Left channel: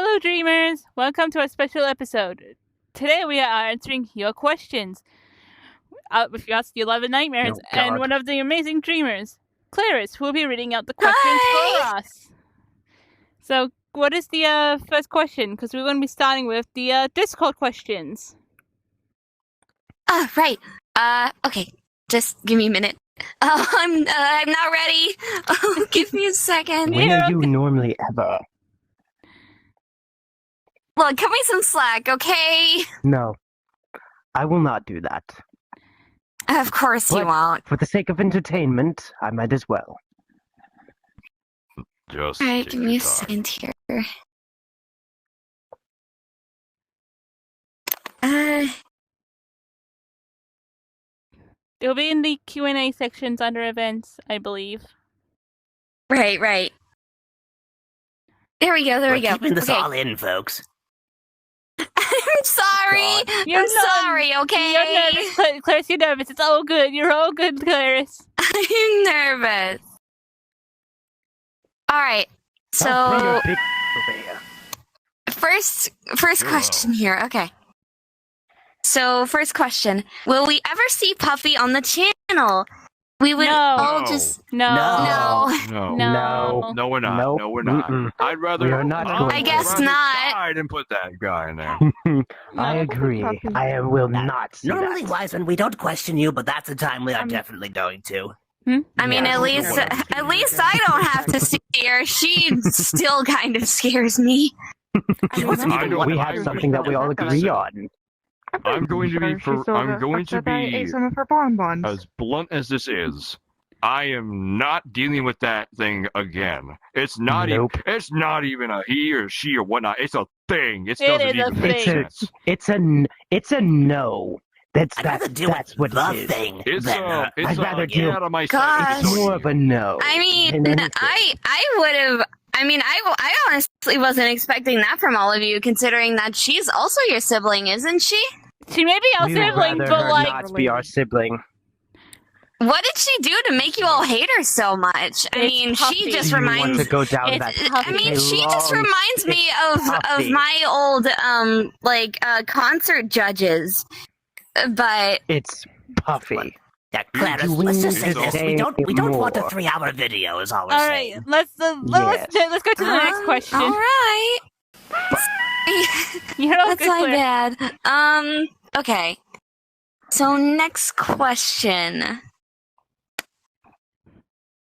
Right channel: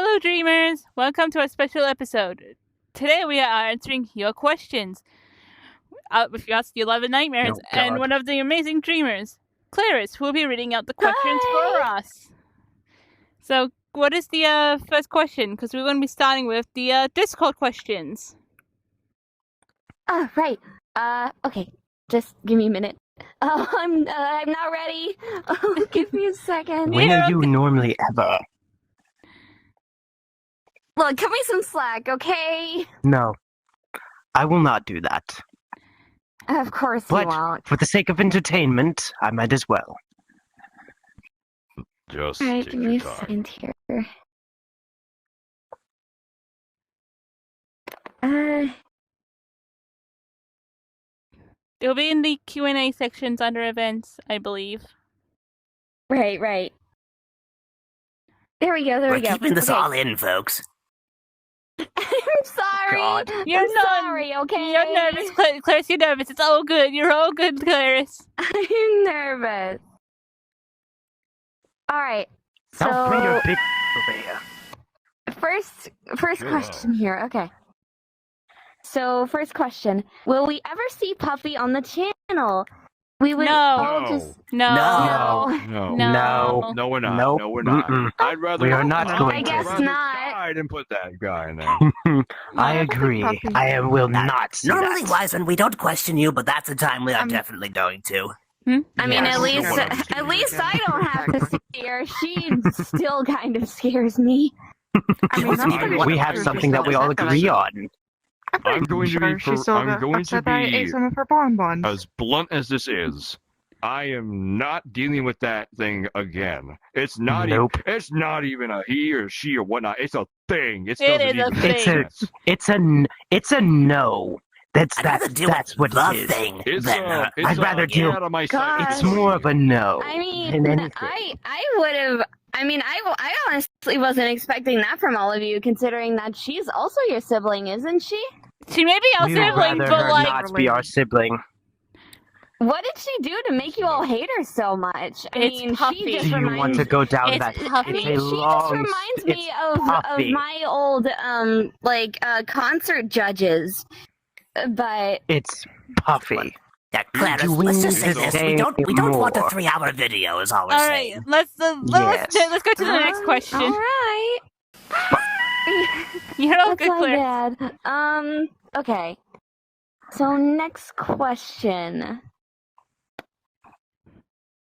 Hello, dreamers! Welcome to our special episode. Today we are answering your questions. If you ask the 11 nightmares, Oh, and God. one of the amazing dreamers, Clarice, will be reading out the questions for us. So, what is the first question? Because we're going to be starting with the Discord questions. Right. Okay. Just give me a minute. I'm not ready. Give me a second. Yeah. When are you normally ever? Look, cut me some slack, okay? No. I will not do that. Of course you But won't. for the sake of entertainment, I might as well. Just Alright, take give me your a time. second here. It'll be in the Q&A sections under events, I believe. Right. There we go, We're keeping this Okay. all in, folks. I'm sorry. God. You're I'm not- sorry, okay? You're nervous, Clarice, you're nervous. It's all good. You're all good, Clarice. I'm nervous. Alright. So first question here. Okay. So first question. Will we ever see Puffy on the channel? We would No. all just No. No. No. No, we're not. Nope. No, we're not. Mm-mm. I'd rather. We are not I'd going I to. guess rather not. die than put that guy in there. I agree. I will not see Normally, that. Wiseman, we don't question you, but that's a time we are definitely going to. I mean, Yes. at least I don't have to see her. She still kind of scares me. He wasn't even one We of have us. something that we all agree on. I'm going to be. I'm going to be some of her bonbons. as blunt as this is. I am not dealing with that thing again. It's not. Nope. It's not even a he or she or whatnot. It's a thing. It doesn't is a even make thing. sense. It's a no. That's I'd rather deal that's with what the it is. thing It's than it's I'd rather get deal- out of my Gosh. sight. It's more of a no. I mean, than anything. I would have. I mean, I honestly wasn't expecting that from all of you, considering that she's also your sibling, isn't she? She may be our We would sibling, rather but her like, not be our sibling. What did she do to make you all hate her so much? I It's mean, Puffy. she just You want reminds. to go down It's that? Puffy. I mean, it's a she just long- reminds me of Puffy. my old concert judges. But It's Puffy. Yeah, Clarence, Do we let's just need say to this. say We don't want a more? 3-hour video, is all we're all right, saying. let's Yes. go to the next question. All right. You're all That's good, not Claire. bad. Okay. So next question.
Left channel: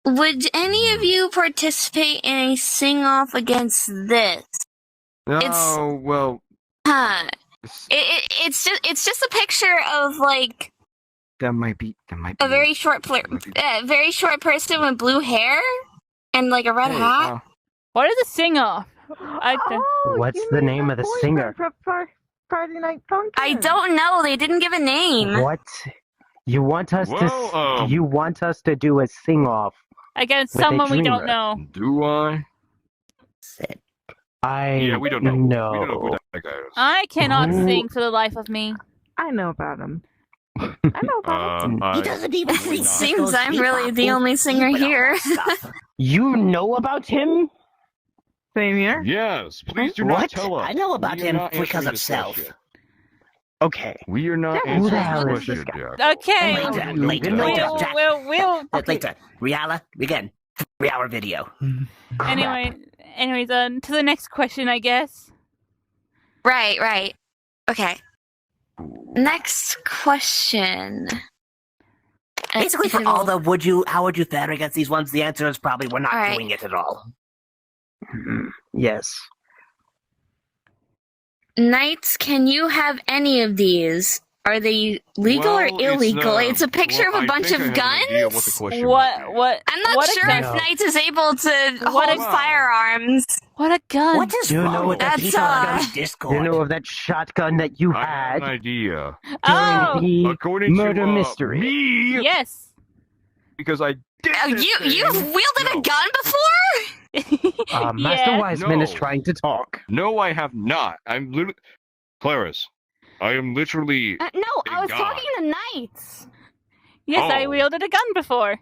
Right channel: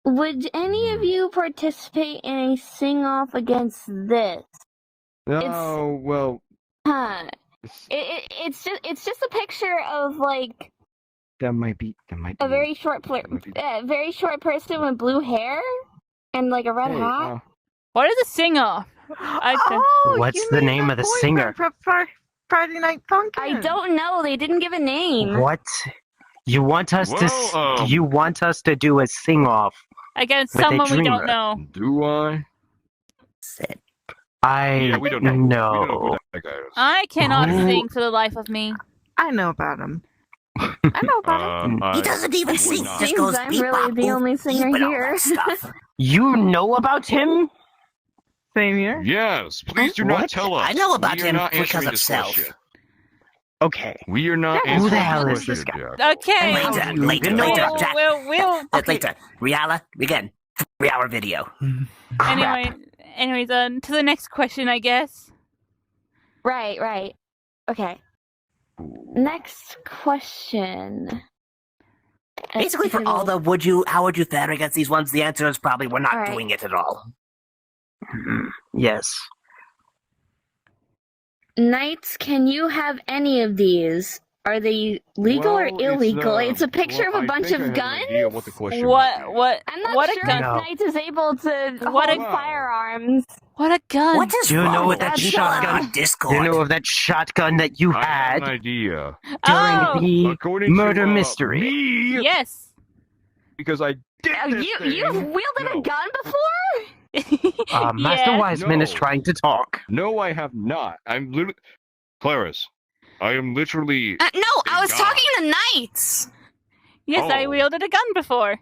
Would any of you participate in a sing-off against this? It's- Oh well. Huh. It's just a picture of like That might be. a very short person with blue hair and like a red hat. What is a sing-off? What's you the made name her of the boyfriend singer? for Friday Night Funkin'. I don't know. They didn't give a name. What? You want us Well, to? You want us to do a sing-off? Against With a someone we don't dreamer. know. Do I? Yeah, we don't know. No. We don't know who that guy is. I cannot Ooh. sing for the life of me. I know about him. I know about him. I He doesn't even would see not. Seems Cisco's I'm really the bebop only singer and all here. that stuff. You know about him? Same here. Yes, please do not What? tell us. I know about We are him not because answering of this self. question. Okay. We are not Yeah, answering who the this hell is question, this guy? Jack. Okay, Later, don't know later, who that later, is. Jack. we'll. Later. Riala, again, 3-hour video. Anyways, to the next question, I guess. Right. Okay. Next question. Basically, for all the how would you fare against these ones, the answer is probably we're not Alright. doing it at all. Yes. Knights, can you have any of these? Are they legal or illegal? It's a picture of a bunch of guns. What? I'm not What a sure gun. if Knights is able to What hold a- firearms. What a gun! What is Do you know wrong what with that That's, shotgun? uh, Discord? You know of that shotgun that you I have an had idea. Oh, during the According murder to mystery? me, yes. because I did this You've thing. wielded a No. gun before? Master Yeah. Wiseman is No. trying to talk. No, I have not. I'm literally, Clarice. I am literally. No, I Thank was God. talking to Knights. Yes, I Oh. wielded a gun before.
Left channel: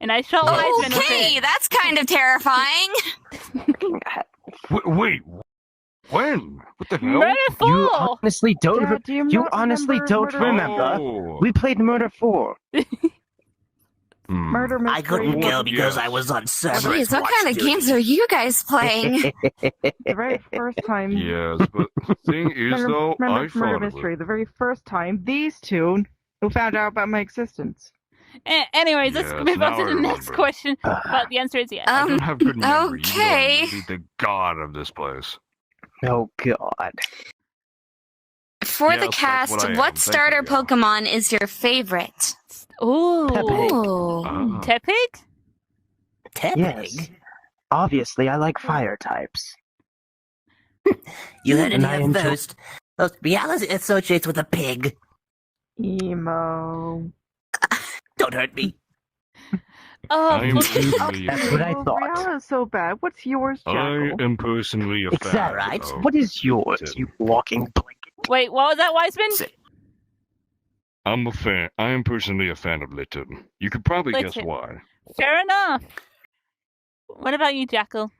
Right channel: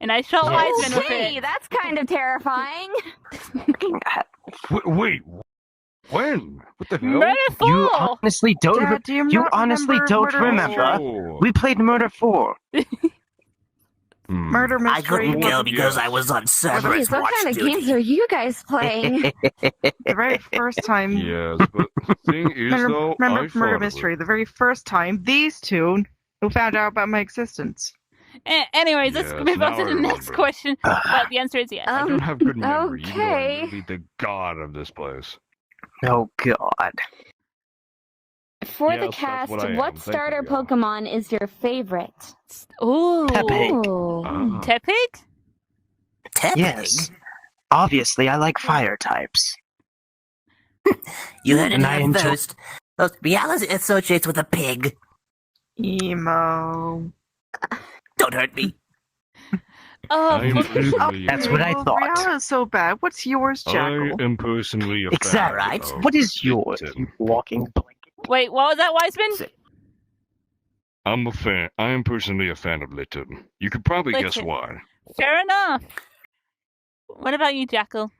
And I shot Wiseman with Okay, it. that's kind of terrifying. Wait, when? What the hell? Murder You 4! honestly don't. Dad, do you you not honestly remember don't Murder remember. Oh. We played Murder 4. Murder mystery. I couldn't go Yeah. because I was on Cerberus Jeez, what watch kind of duty. games are you guys playing? The very first time. Yes, but the thing is, though, I Murder thought of mystery. it. The very first time these two who found out about my existence. Anyways, let's Yes, move on to now I the next remember. question. But the answer is yes. I don't have good memory, even though okay. I'm really the god of this place. Oh God. For the Yes, that's what cast, I am. what Thank you, starter yeah. Pokemon is your favorite? Ooh. Pepe. Ooh. Ah. Tepig? Tepig? Yes. Obviously, I like fire types. You heard it And I here enjoy- first. Those reality associates with a pig. Emo. Don't hurt me. Oh, I am Flippy. personally That's what I Well, thought. Rihanna's so bad. What's yours, I Jackal? am personally a Exactly. fan Right. of What is yours, Tim. you walking blanket? Wait, what was that, Wiseman? I'm a fan. I am personally a fan of Litten. You could probably guess Litten. why. Fair enough. What about you, Jackal?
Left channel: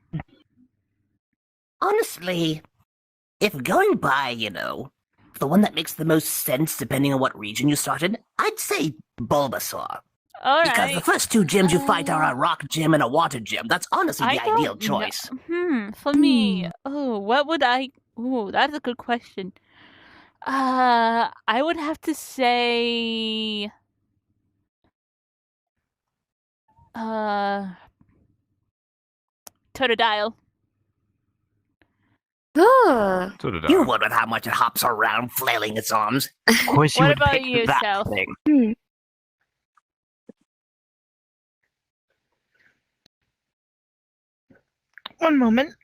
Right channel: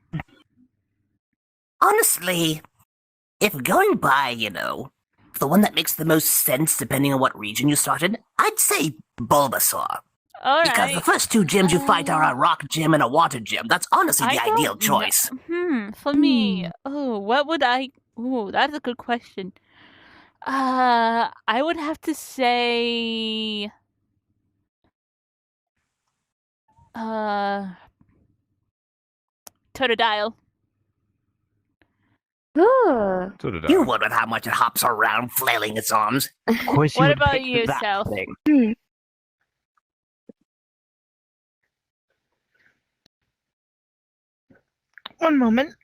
Honestly, if going by, the one that makes the most sense depending on what region you started, I'd say Bulbasaur. Because the Alright. first two gyms you fight are a rock gym and a water gym. That's honestly the ideal choice. For me, what would I... Ooh, that's a good question. I would have to say... Totodile. Ooh. So did I. You would with how much it hops around, flailing its arms. Of course, What you would about pick you, that Sel? thing. One moment.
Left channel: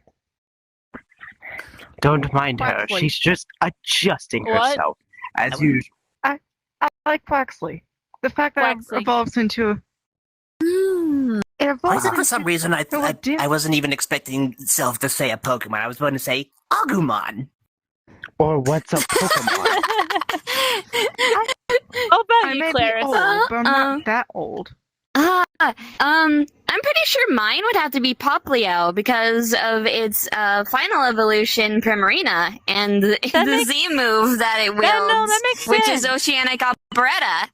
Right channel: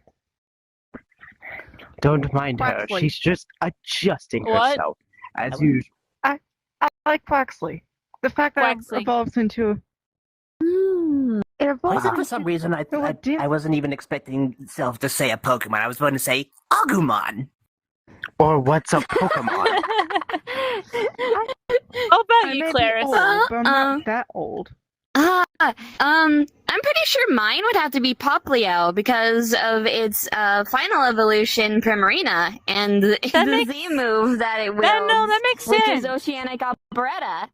Don't mind her. Quaxley. She's just adjusting What? herself, as usual. I like Quaxley. The fact that Quaxley. it evolves into it Why evolves is it for some reason I wasn't even expecting Sylph to say a Pokemon. I was going to say Agumon. Or what's a Pokemon? How about I you, may be Clarice? old, but I'm not that old. I'm pretty sure mine would have to be Poplio because of its final evolution, Primarina, and That the makes- Z move that it wields, that makes which sense. is Oceanic Operetta.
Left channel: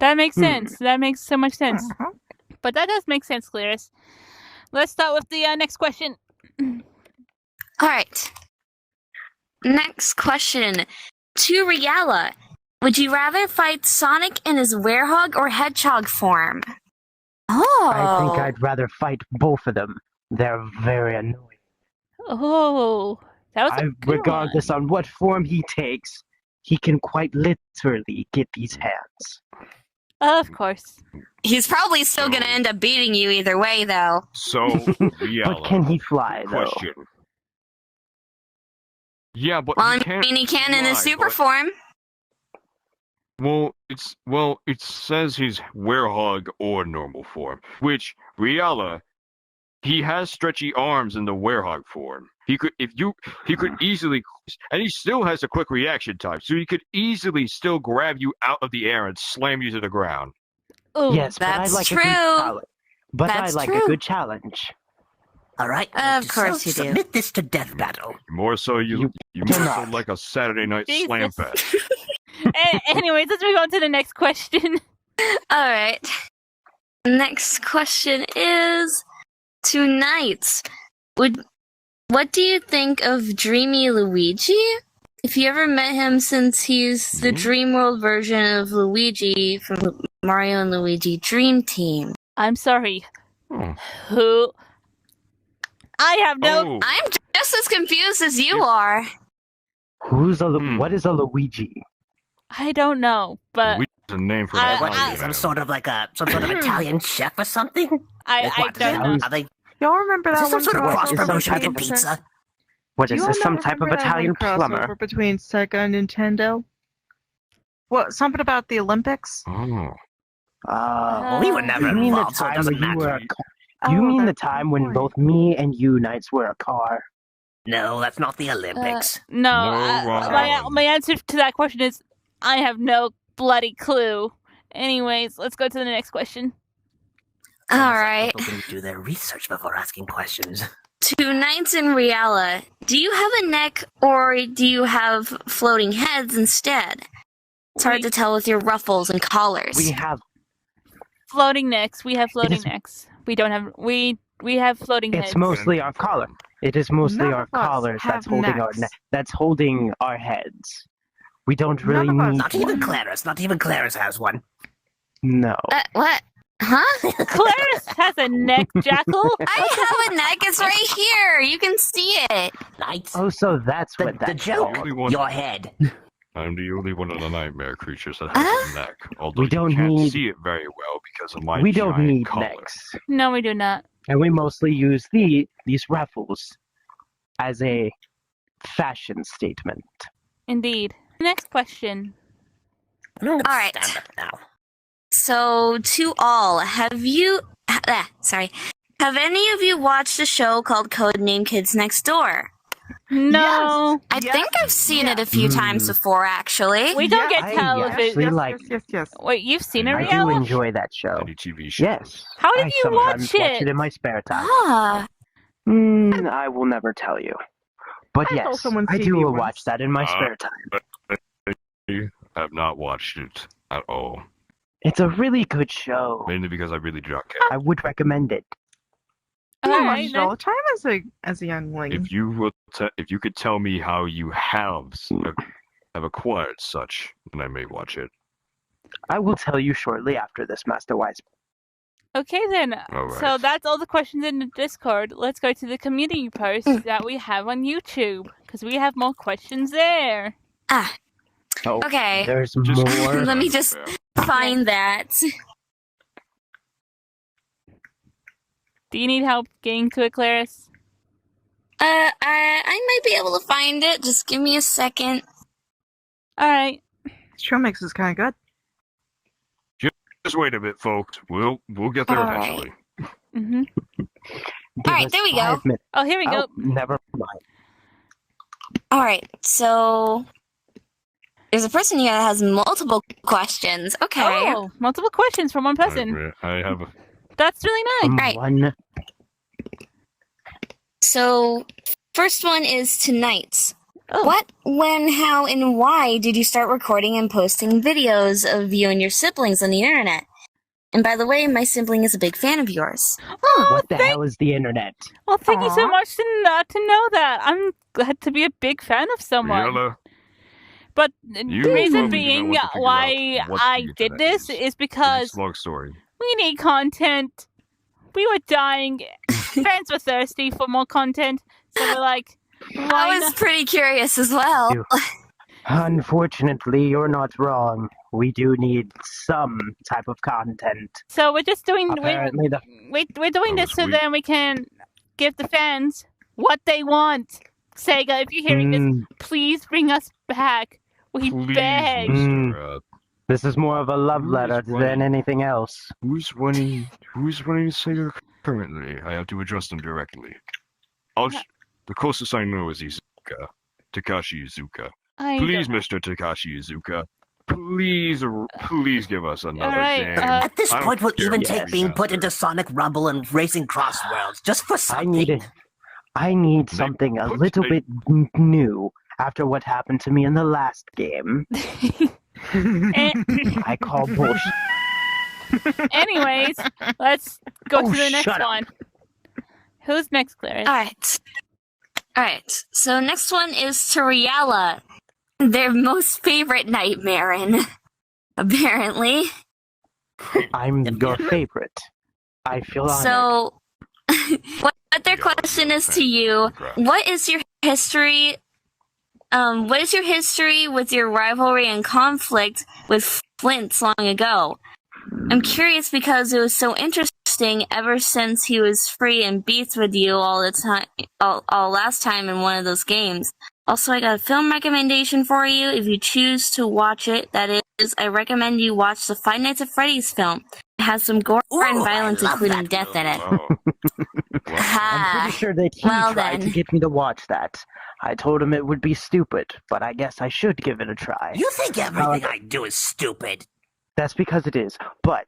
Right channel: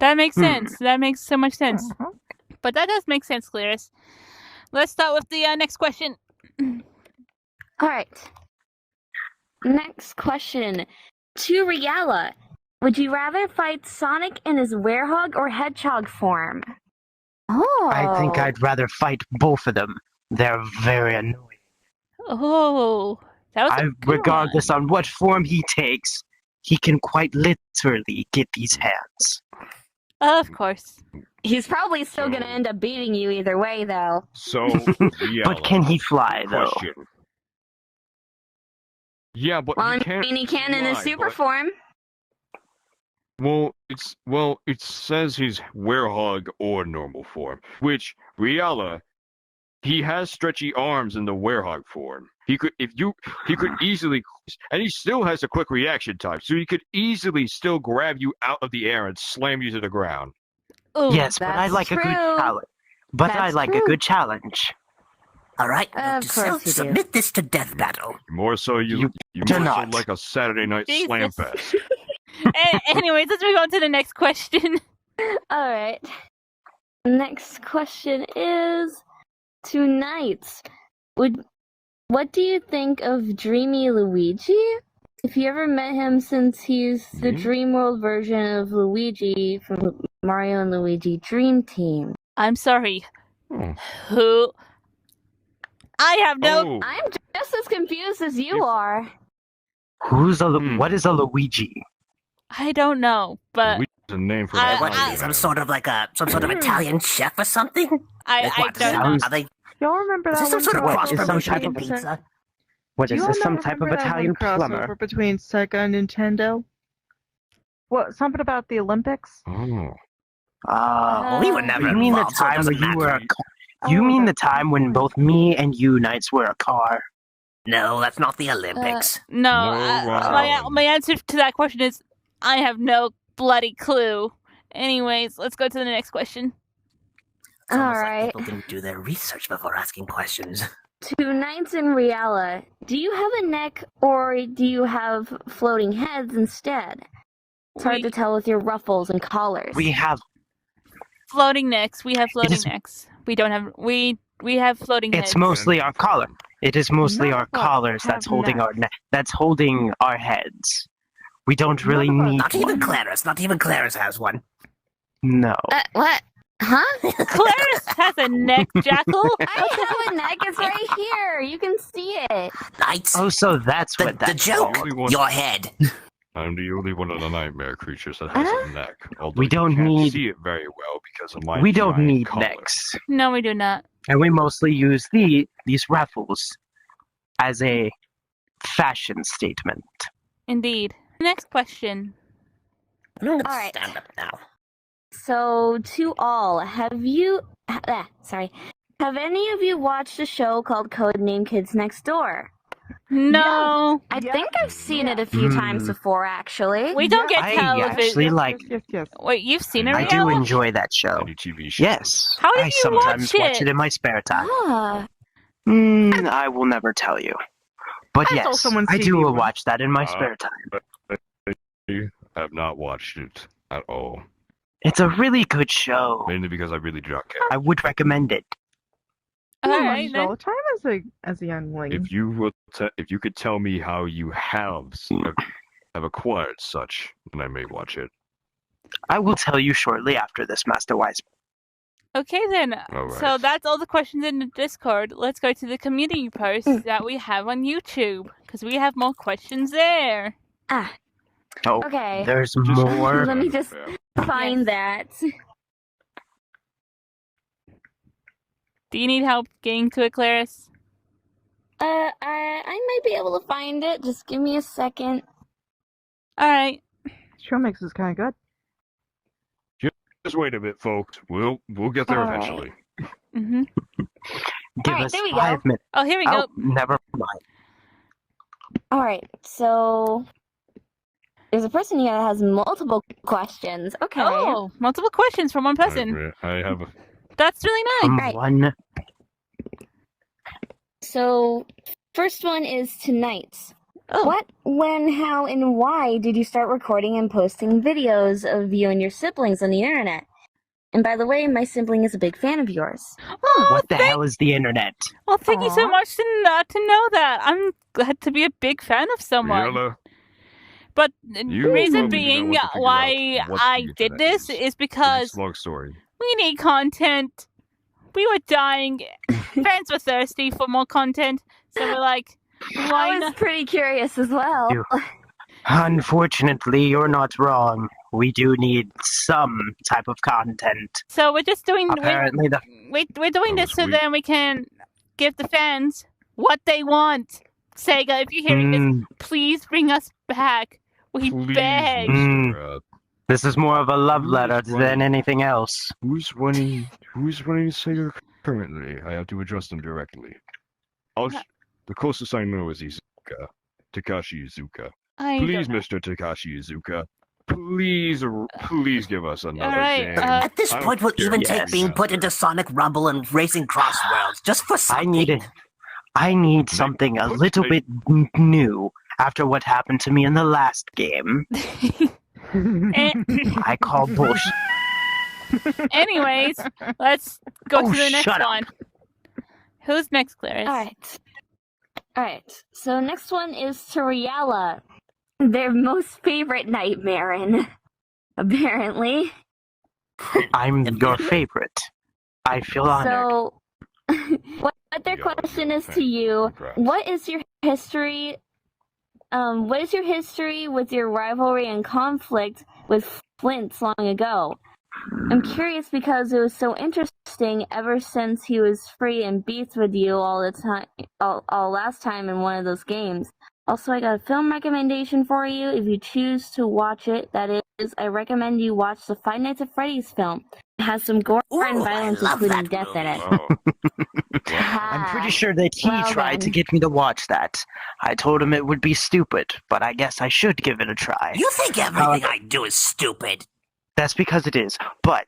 That makes sense. That makes so much sense. Mhm. But that does make sense, Clarice. Let's start with the next question. All right. Next question. To Riala, would you rather fight Sonic in his werehog or hedgehog form? Oh. I think I'd rather fight both of them. They're very annoying. Oh, that was a good Regardless on what form he takes, he can quite literally get these hands. one. Of course. He's probably still going to end up beating you either way, though. So, yeah. But can he fly, though? Question. Yeah, but Well, he I can't mean, he can in his fly, super but- form. Well, it says he's werehog or normal form, which Riala, he has stretchy arms in the werehog form. He could easily, and he still has a quick reaction time, so he could easily still grab you out of the air and slam you to the ground. Oh, Yes, but I that's like a true. good challenge. But I That's like true. a good challenge. All right. Of Mr. course Sylph, you do. submit this to death battle. More so, you do more so not. like a Saturday night slam Jesus. fest. Anyways, let's move on to the next question. All right. Next question is to Knights. What do you think of Dreamy Luigi? If you ever met him, since he's the Me? Dream World version of Luigi from Mario and Luigi Dream Team. I'm sorry. Oh. Who? I have no. Oh, I'm just as confused as you are. Who's a Hmm. what is a Luigi? I don't know, but Luigi's a name for I- that. What I- are kind they, of some animal. sort of Italian chef or something? I What, don't know. Are they? Y'all remember Is that this some one sort of crossover cross promotion type to of- pizza? What You is all this? Some not type of remember that Italian one plumber? crossover between Sega and Nintendo? What? Something about the Olympics? Oh. We were never You mean the involved, so it time doesn't when you were matter. a You Oh, mean the that's time when right. both me and you Knights were a car? No, that's not the Olympics. No, wrong. my answer to that question is I have no bloody clue. Anyways, let's go to the next question. It's almost All like right. people didn't do their research before asking questions. to Knights and Riala, do you have a neck or do you have floating heads instead? It's hard to tell with your ruffles and collars. We have floating necks. We have floating is- necks. We don't have we have floating heads. It's mostly our collar. It is mostly None our of us collars that's have holding our necks. that's holding our heads. We don't really None of us- need Not even Claris. Not even Claris has one. no. What? Huh? Claris has a neck, Jackal. I have a neck. It's right here. You can see it. Knights. Oh, so that's the, what the that's joke. The only one- Your head. I'm the only one of the nightmare creatures that has a neck. Although We don't you can't need- see it very well because of my We don't giant need collar. necks. No, we do not. And we mostly use these ruffles as a fashion statement. Indeed. Next question. I'm gonna Alright. stand up now. So, to all, have any of you watched a show called Codename Kids Next Door? No. I Yes. think I've seen it a few times Mm. before, actually. We don't Yeah, get tell if actually it. like. Yes. Wait, you've seen it, I do Riella? enjoy that show. Any TV show. Yes. How did I you sometimes watch watch it? it in my spare time. Ah, I will never tell you. But I yes, saw someone I TV do once. watch that in my spare time. I have not watched it at all. It's a really good show. Mainly because I really do not care. I would recommend it. I All watched right, it all then. the time as a youngling. If you would, if you could tell me how you have acquired such, then I may watch it. I will tell you shortly after this, Master Wise. Okay, then. All So right. that's all the questions in the Discord. Let's go to the community posts that we have on YouTube because we have more questions there. Oh, okay. there's Just- more. Let me just find that. Do you need help getting to it, Claris? I might be able to find it. Just give me a second. All right. Show mix is kind of good. Just wait a bit, folks. We'll get there All right. eventually. Mm-hmm. Give Alright, us there we go. 5 minutes. Oh, here we go. Oh, never mind. All right, so there's a person here that has multiple questions. Okay. Oh, multiple questions from one person. I have a That's really nice. Right. One. So, first one is tonight's. Oh, What, when, how, and why did you start recording and posting videos of you and your siblings on the internet? And by the way, my sibling is a big fan of yours. oh, What the hell is the internet? well, thank you so Aw. much to know that. I'm glad to be a big fan of someone. Riella, But You the reason probably being know what to figure why out what I the did internet this is. is it's because a long story. we need content. We were dying. Fans were thirsty for more content. So we're like, why I was not? pretty curious as well. You- Unfortunately, you're not wrong. We do need some type of content. So we're just doing. Apparently, the We're doing Oh, this so sweet. then we can give the fans what they want. Sega, if you're hearing this, Mm, please bring us back. We Please, beg. Mr. this is more of a love Who letter is running? than anything else. Who's running Sega currently? I have to address them directly. The closest I know is Izuka. Takashi Izuka. I Please, don't know. Mr. Takashi Izuka. Please give us another Alright, game. At this I point, don't we'll even care take yes. being about put that. into Sonic Rumble and Racing Cross Worlds just for I something. needed. I need They something a put little a- bit new after what happened to me in the last game. Eh, I call bullshit. anyways, let's go Oh, to the next shut up. one. Who's next, Clarice? Alright, so next one is to Riella, their most favorite nightmare, apparently. I'm your favorite. I feel honored. So, what their question is to you, what is your history? What is your history with your rivalry and conflict with Flint long ago? I'm curious because it was so interesting ever since he was free and beats with you all the time, all last time in one of those games. Also, I got a film recommendation for you if you choose to watch it. That is, I recommend you watch the Five Nights at Freddy's film. It has some gore and Ooh, I violence, love including that death in it. Oh. Well, I'm pretty sure that he well tried to then. get me to watch that. I told him it would be stupid, but I guess I should give it a try. You think everything I do is stupid? That's because it is. But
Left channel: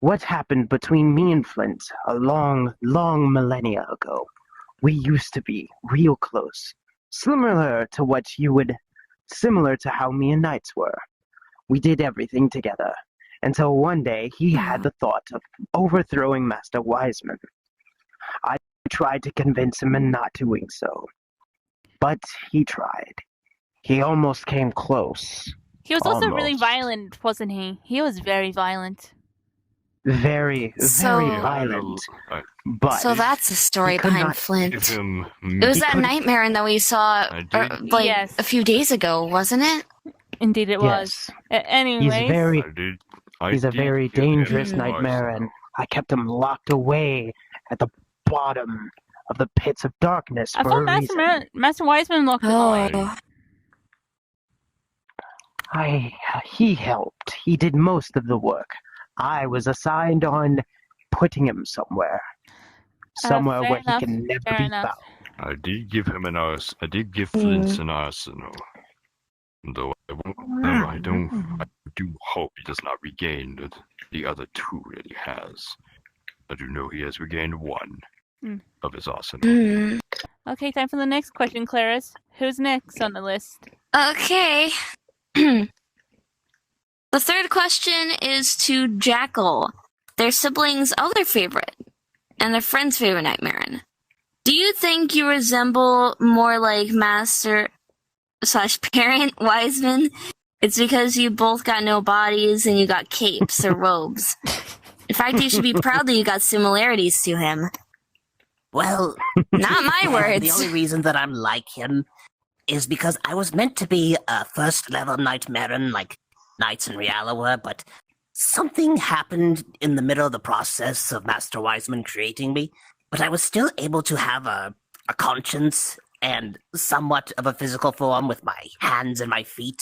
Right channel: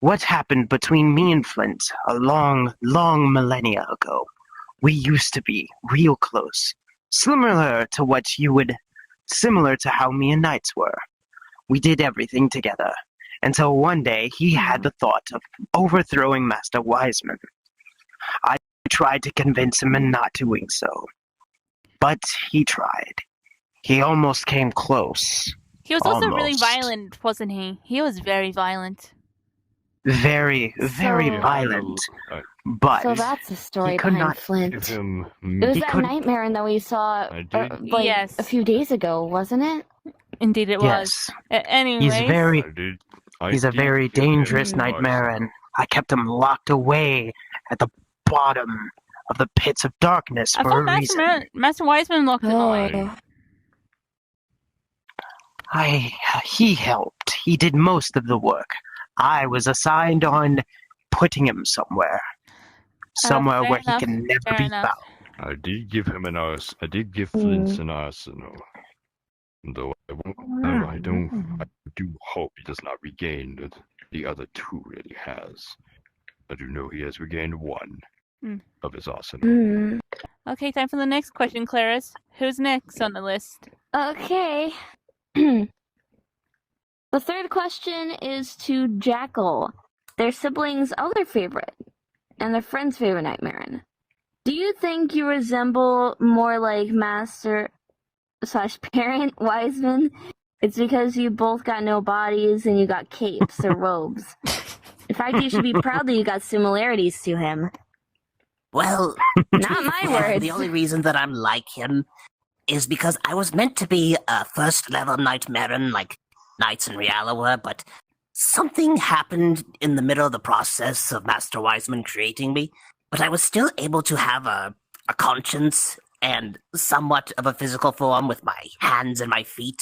what happened between me and Flint a long, long millennia ago. We used to be real close, similar to how me and Knights were. We did everything together, until one day he had the thought of overthrowing Master Wiseman. I tried to convince him in not doing so, but he tried. He almost came close. He was also really Almost. violent, wasn't he? He was very violent. Very, very So- violent. But So that's the story he could behind not Flint. Give him. It was that couldn't- nightmare that we saw I did. Yes. a few days ago, wasn't it? Indeed, it was. yes, Anyways, he's a very dangerous give him nightmare, and I kept him locked away at the bottom of the pits of darkness I for thought a reason. Master Wiseman locked him away. Oh. He helped. He did most of the work. I was assigned on putting him somewhere. Somewhere fair where enough, he can never fair be enough. found. I did give him I did give Flint an arsenal. Though I do hope he does not regain the other two that he has. I do know he has regained one Hmm. of his arsenal. Mm. Okay, time for the next question, Clarice. Who's next on the list? Okay. The third question is to Jackal, their siblings' other favorite, and their friend's favorite Nightmare. Do you think you resemble more like Master/Parent Wiseman? It's because you both got no bodies and you got capes or robes. In fact, you should be proud that you got similarities to him. Well, Not my the words. only reason that I'm like him is because I was meant to be a first-level Nightmare, like Knights and Reala were, but something happened in the middle of the process of Master Wiseman creating me, but I was still able to have a conscience and somewhat of a physical form with my hands and my feet,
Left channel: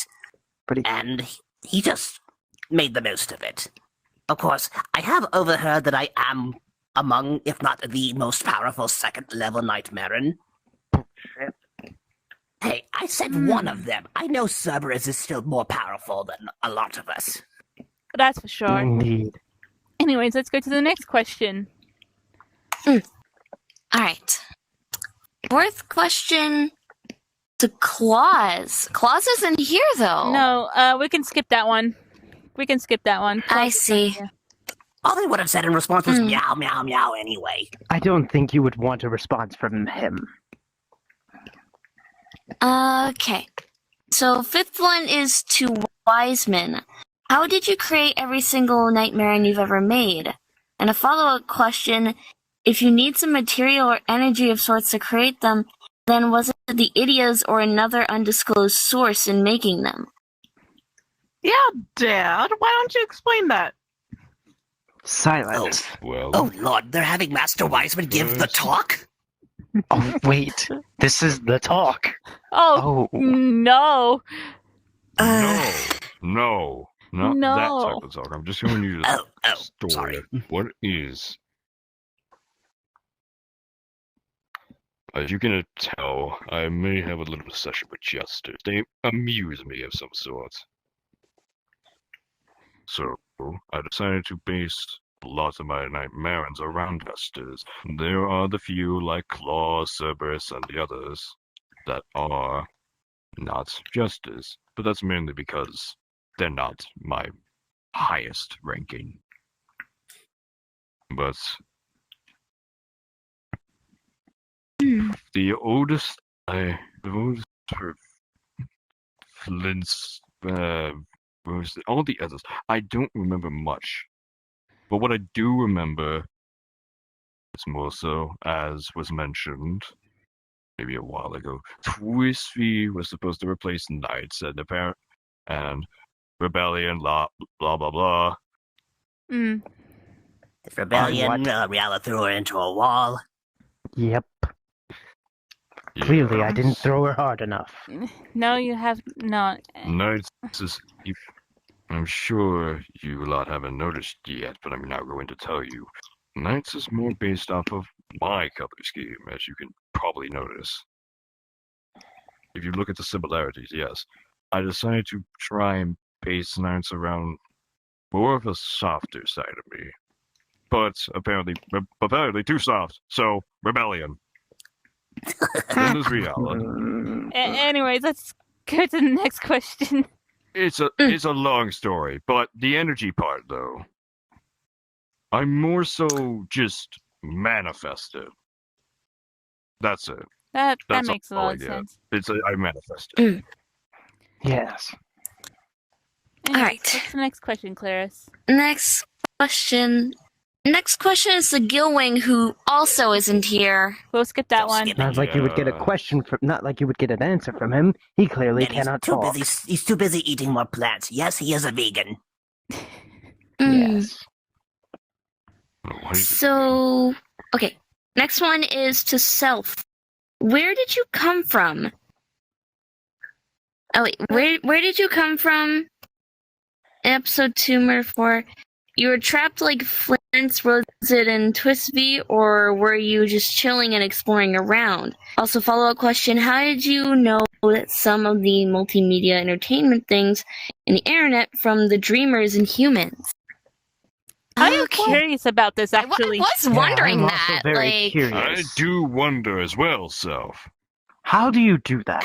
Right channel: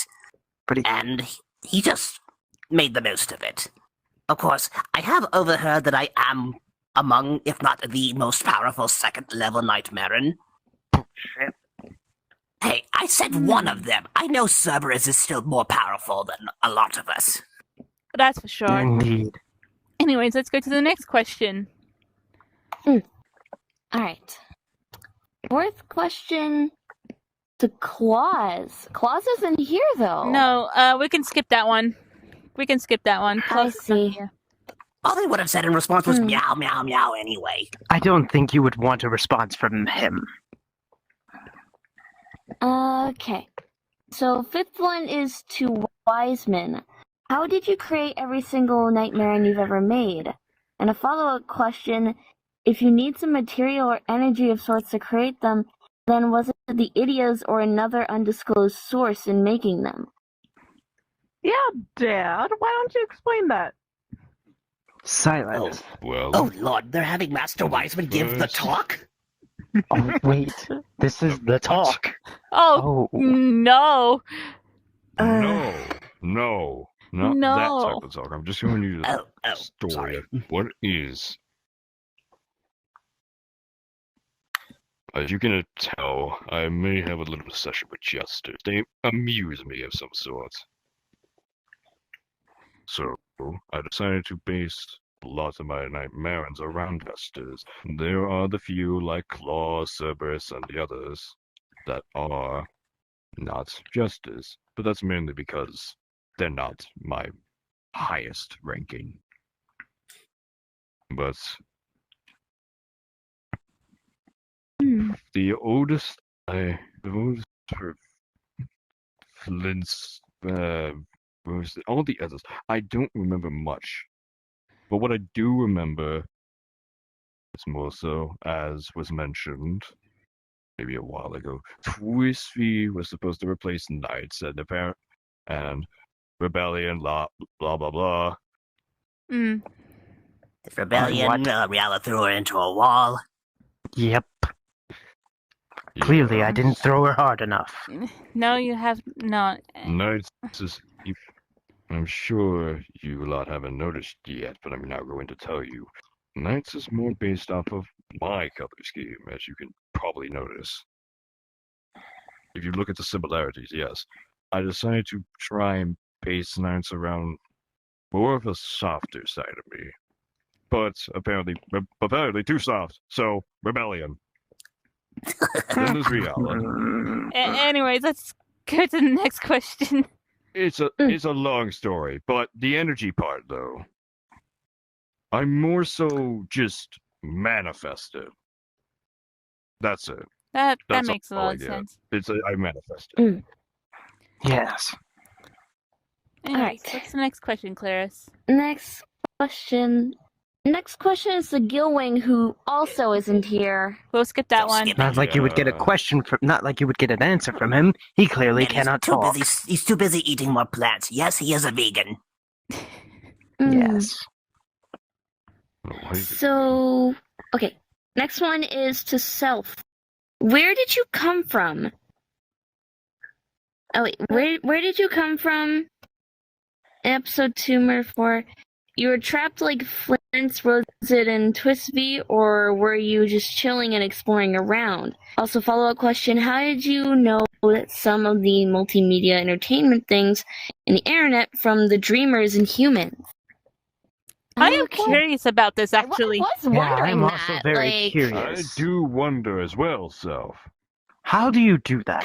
and he just made the most of it. Of course, I have overheard that I am among, if not the most powerful second-level Nightmare. Hey, I said one of them. I know Cerberus is still more powerful than a lot of us. That's for sure. Indeed. Anyways, let's go to the next question. All right. Fourth question to Claus. Claus isn't here, though. No, we can skip that one. We can skip that one. I Claus is not see. here. All they would have said in response was Hmm. meow, meow, meow anyway. I don't think you would want a response from him. Okay. So fifth one is to Wiseman. How did you create every single Nightmare you've ever made? And a follow-up question, if you need some material or energy of sorts to create them, then was it the Idias or another undisclosed source in making them? Yeah, Dad, why don't you explain that? Silence. Well, Oh lord, they're having Master Wiseman give the talk? Oh, wait. This is the talk. Oh, Oh, no. no, not No. that type of talk. I'm just going to use Oh, a story sorry. of what is. As you can tell, I may have a little obsession with jesters. They amuse me of some sort. So, I decided to base lots of my Nightmares around jesters. There are the few like Claw, Cerberus, and the others that are not jesters, but that's mainly because they're not my highest ranking. But the oldest for Flint's, all the others, I don't remember much. But what I do remember is more so, as was mentioned maybe a while ago, Twisby was supposed to replace Knights and Rebellion, blah blah blah. Mm. Rebellion, Reala threw her into a wall. yep. Clearly, I didn't throw her hard enough. No, you have not. Knights is. I'm sure you lot haven't noticed yet, but I'm now going to tell you. Knights is more based off of my color scheme, as you can probably notice. If you look at the similarities, yes. I decided to try and base Knights around more of a softer side of me. but apparently too soft. So rebellion. Then there's Riala. Anyways, let's go to the next question. It's a long story, but the energy part though, I'm more so just manifested. That's it. That That's makes a all I lot of get. sense. I manifested. Yes. Anyways, Alright. what's the next question, Clarice? Next question. Next question is the Gilwing, who also isn't here. We'll skip that Just one. skip it. Not like you would get a Yeah. question from. Not like you would get an answer from him. He clearly And cannot he's too talk. busy. He's too busy eating more plants. Yes, he is a vegan. Yes. So, okay. Next one is to Self. Where did you come from? Oh wait, where did you come from? In episode 2, Murder 4, you were trapped like Flint, was it in Twisby, or were you just chilling and exploring around? Also, follow-up question, how did you know that some of the multimedia entertainment things in the internet from the Dreamers and Humans? I am curious about this, I actually. was wondering I'm that. also very like, curious. do wonder as well, Self. How do you do that?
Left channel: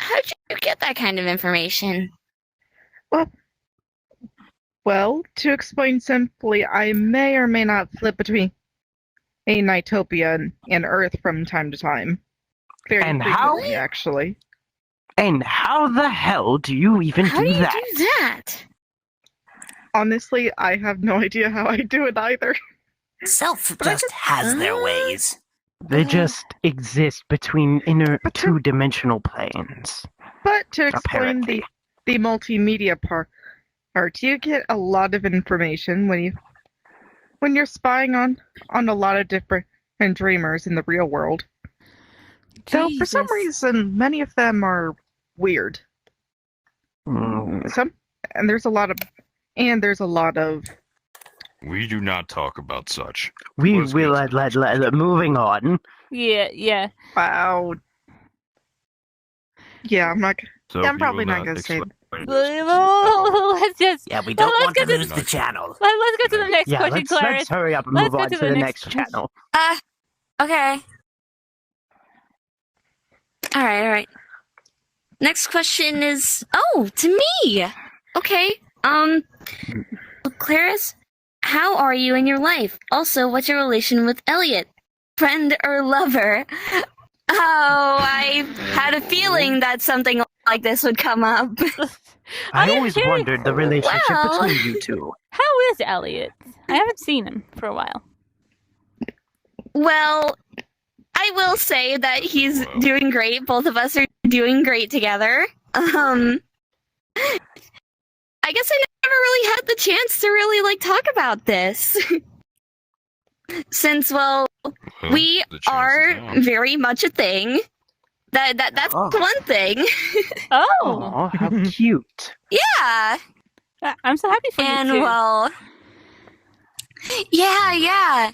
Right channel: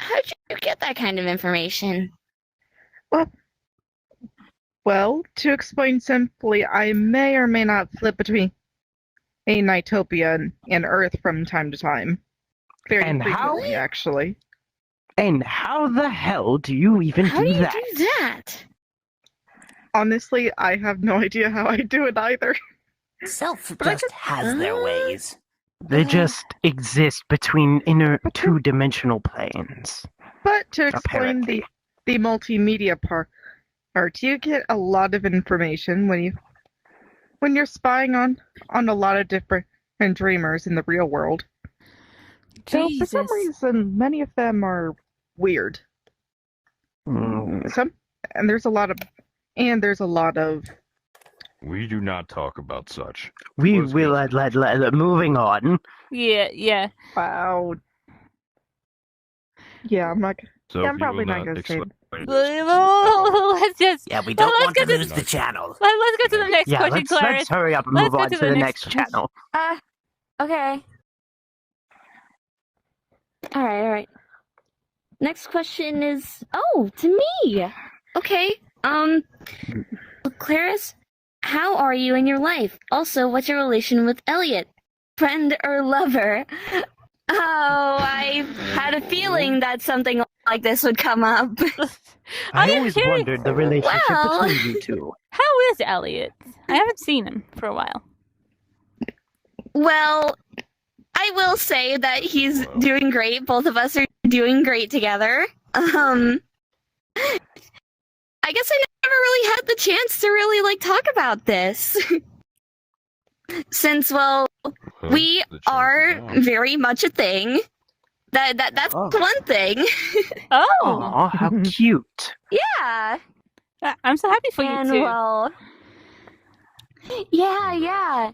how'd you get that kind of information? Well, to explain simply, I may or may not flip between a Nightopia and Earth from time to time. Very And how- frequently, actually. And how the hell do you even How do you that? do that? Honestly, I have no idea how I do it either. Self But I just has their ways. They just exist between inner two-dimensional planes. But to explain Apparently. the multimedia part, you get a lot of information when you're spying on a lot of different dreamers in the real world. So for some Jesus. reason, many of them are weird. There's a lot of We do not talk about such. We Let's will go. moving on. Yeah. wow. Yeah, I'm not. So Yeah, I'm probably not gonna say. Let's just Yeah, we Well, don't let's want to get to lose the channel. let's go to the next Yeah, question, let's Clarice. hurry up and Let's move go on to to the the next next channel. Okay. Alright. Next question is, to me! Okay, Clarice, how are you in your life? Also, what's your relation with Elliot? Friend or lover? Oh, I had a feeling that something like this would come up. I I am always curious. wondered the relationship Well- between you two. How is Elliot? I haven't seen him for a while. Well, I will say that he's doing great. Both of us are doing great together. I guess I never really had the chance to really talk about this. Since, well, we are very much a thing. That's Oh. the one thing. Oh, Oh, how cute. Yeah, I'm so happy for and you two. well, yeah.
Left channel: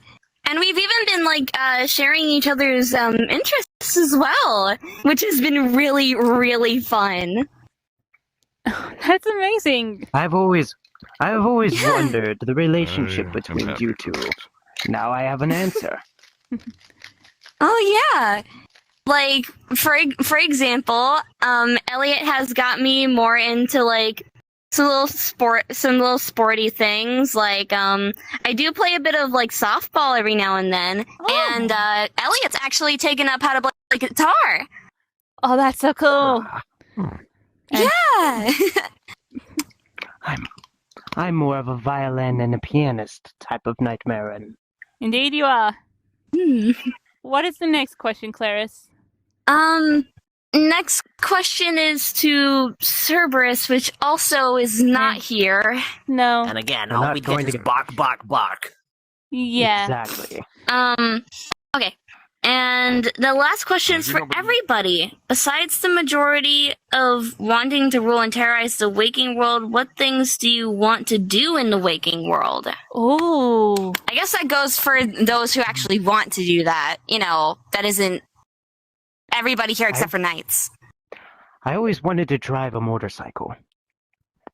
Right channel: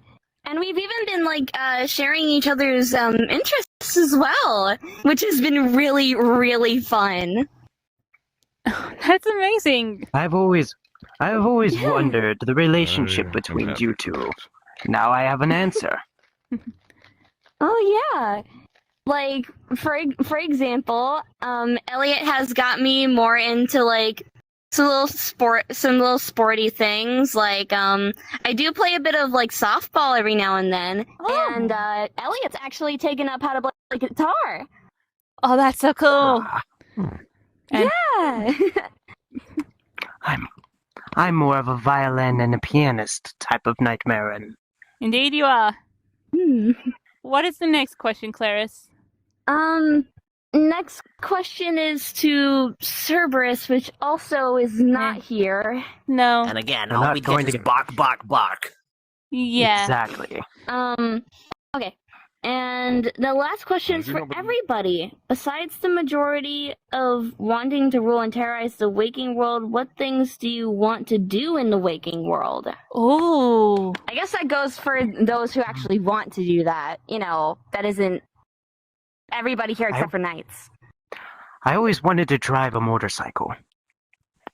And we've even been Sharing each other's interests as well, which has been really, really fun. That's amazing. I've always wondered the relationship I'm between happy you for two. both. Now I have an answer. Oh yeah. Like for example, Elliot has got me more into some little sporty things. I do play a bit of softball every now and then. Oh, and Elliot's actually taken up how to play guitar. oh, that's so cool. And- Yeah. I'm more of a violin and a pianist type of nightmare, and Indeed, you are. Hmm. What is the next question, Clarice? Next question is to Cerberus, which also is not here. No. And again, I'm all not we going get to is get- bark, bark, bark. Yeah. exactly. Okay. And the last question is for everybody. Besides the majority of wanting to rule and terrorize the waking world, what things do you want to do in the waking world? Oh. I guess that goes for those who actually want to do that. That isn't everybody here except for Knights. I always wanted to drive a motorcycle.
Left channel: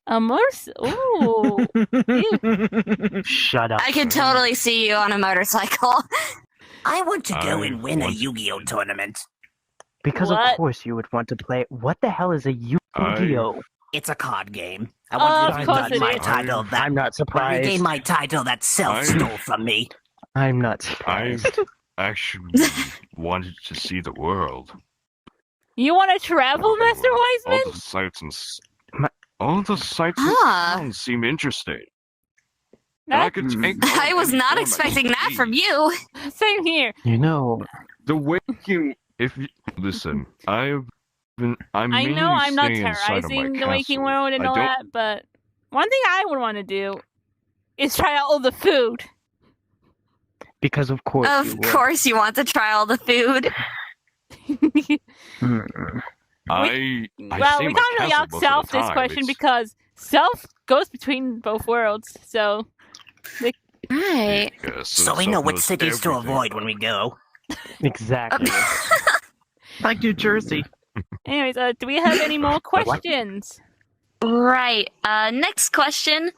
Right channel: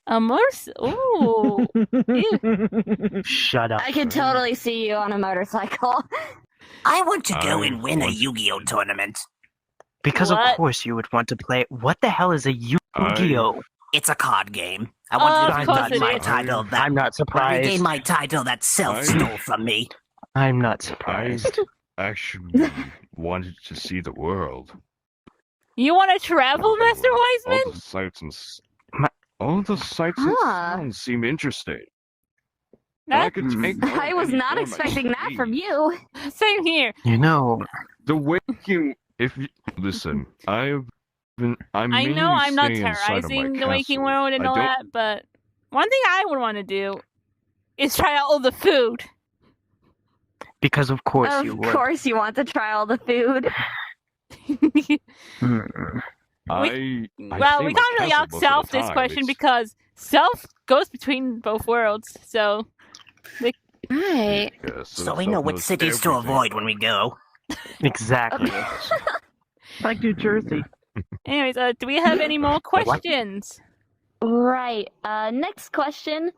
A motorcycle. Ooh. Ew. Shut up. I could totally see you on a motorcycle. I want to go I and win a want- Yu-Gi-Oh tournament. Because What? of course you would want to play. What the hell is a Yu-Gi-Oh? It's a card game. I Of want to course regain it my is. title that I'm not I regain surprised. my title that Self I- stole from me. I'm not I surprised. actually wanted to see the world. You want to travel, Master All Wiseman? the sights and My- all the sights Ah. and sounds seem interesting. That- I could take I was not form expecting that from you. Same here. You know, The waking. If you listen, I'm. I know I'm not mainly staying inside of my terrorizing the waking castle. world and I all don't- that, but one thing I would want to do is try out all the food. because of course you Of would. course, you want to try all the food. Mm. well, I we stay in can't my really castle ask most of Self the this time. question It's- because Self goes between both worlds. So Right. Yes, So and we know Self which knows cities to everything. avoid when we go. Exactly. Like New Jersey. anyways, do we have any more questions? Right. Next question.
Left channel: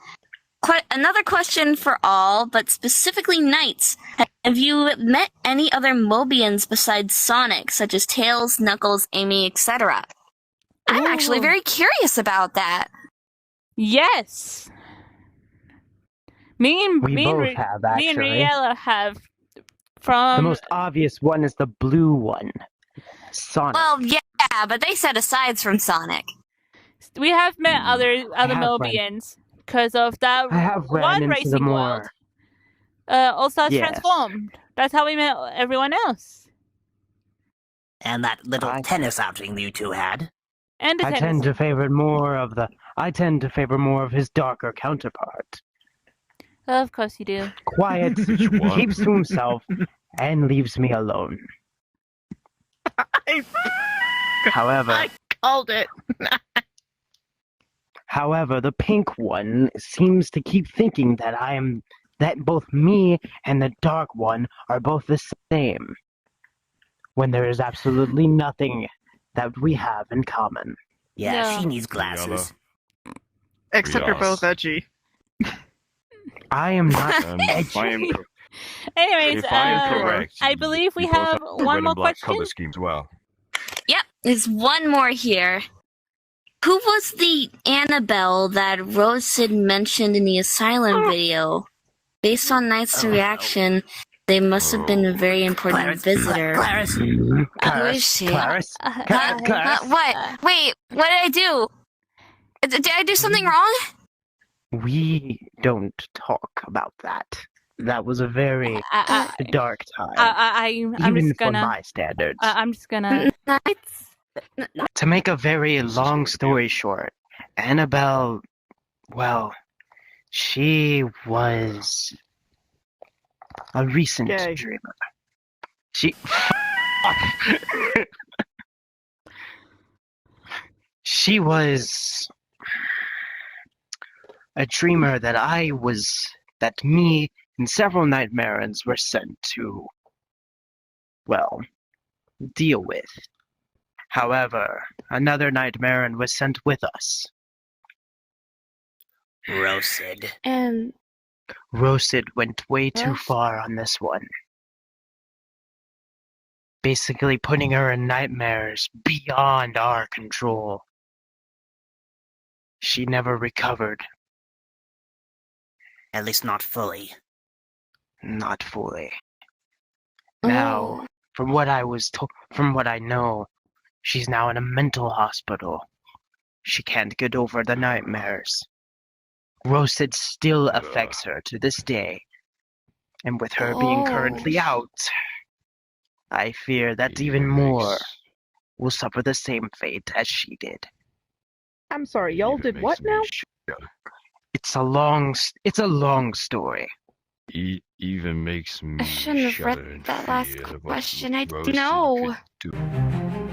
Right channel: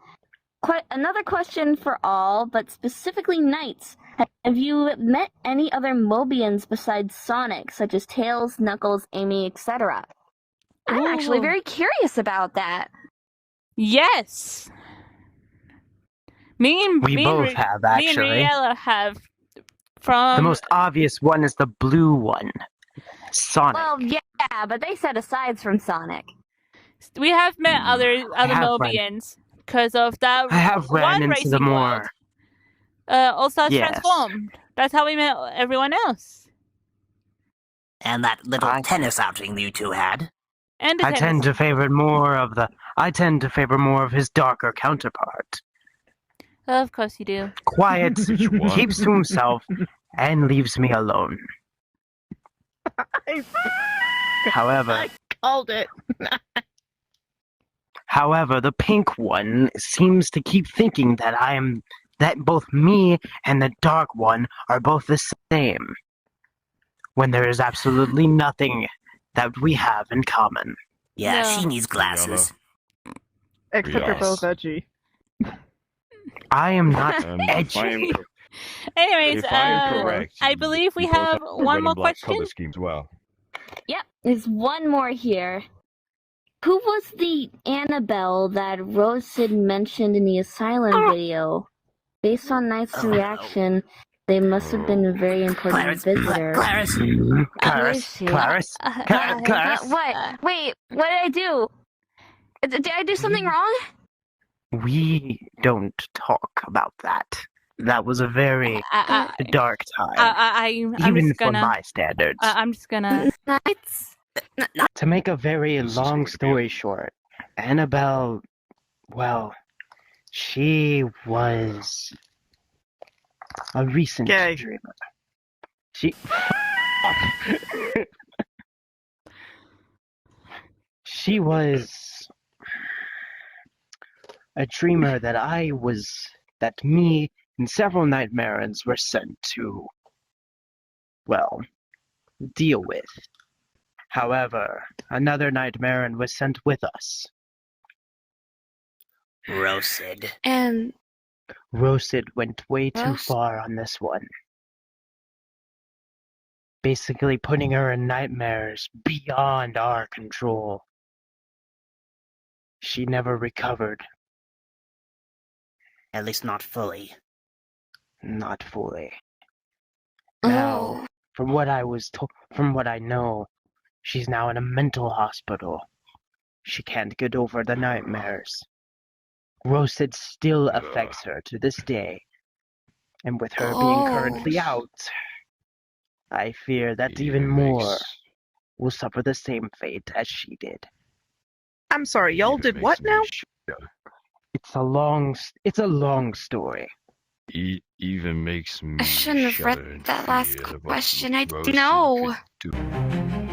Another question for all, but specifically knights. Have you met any other Mobians besides Sonic, such as Tails, Knuckles, Amy, etc.? I'm actually Ooh. very curious about that. Yes. Me and We me and both Ri- have, me and actually. Riella have The from most obvious one is the blue one. Sonic. Well, yeah, but they said asides from Sonic. we have met other have run- Mobians because of that I have ran one into racing the more. world. Also Yes. transformed. That's how we met everyone else. And that little I- tennis outing you two had. And the I tennis. tend to favor more of the. I tend to favor more of his darker counterpart. Of course you do. Quiet, Which one? keeps to himself, and leaves me alone. However, Called it. However, the pink one seems to keep thinking that both me and the dark one are both the same, when there is absolutely nothing that we have in common. Yeah, No. she needs glasses. Except you're Yes. both edgy. I am not And edgy. if I am cor- Anyways, if I am correct, I believe we you both have the one red more and black question. color scheme as well. Yep, there's one more here. Who was the Annabelle that Rosid mentioned in the Asylum video? Based on Knight's Oh. reaction, they must have been a very important Clarence, visitor. Clarence, Who is Clarence, she? Clarence, Clarence. What? Wait, what did I do? Did I do something wrong? We don't talk about that. That was a very dark time, I'm even just for gonna. my standards. I'm just gonna. Knights? To make a very long story short, Annabelle, well, she was a recent Gay. dreamer. She. She was a dreamer that me and several Nightmarons were sent to, well, deal with. However, another Nightmaron was sent with us. Rosid. And Rosid went way too Yes. far on this one. Basically putting her in nightmares beyond our control. She never recovered, At least not fully. not fully. Oh. Now, from what I know, she's now in a mental hospital. She can't get over the nightmares. Rosid still affects her to this day. And with her being currently out, I fear that even more will suffer the same fate as she did. I'm sorry, y'all did what now? It's a long story. Even makes me I shouldn't have read shudder in that last fear of what question. I Rosid know. could do.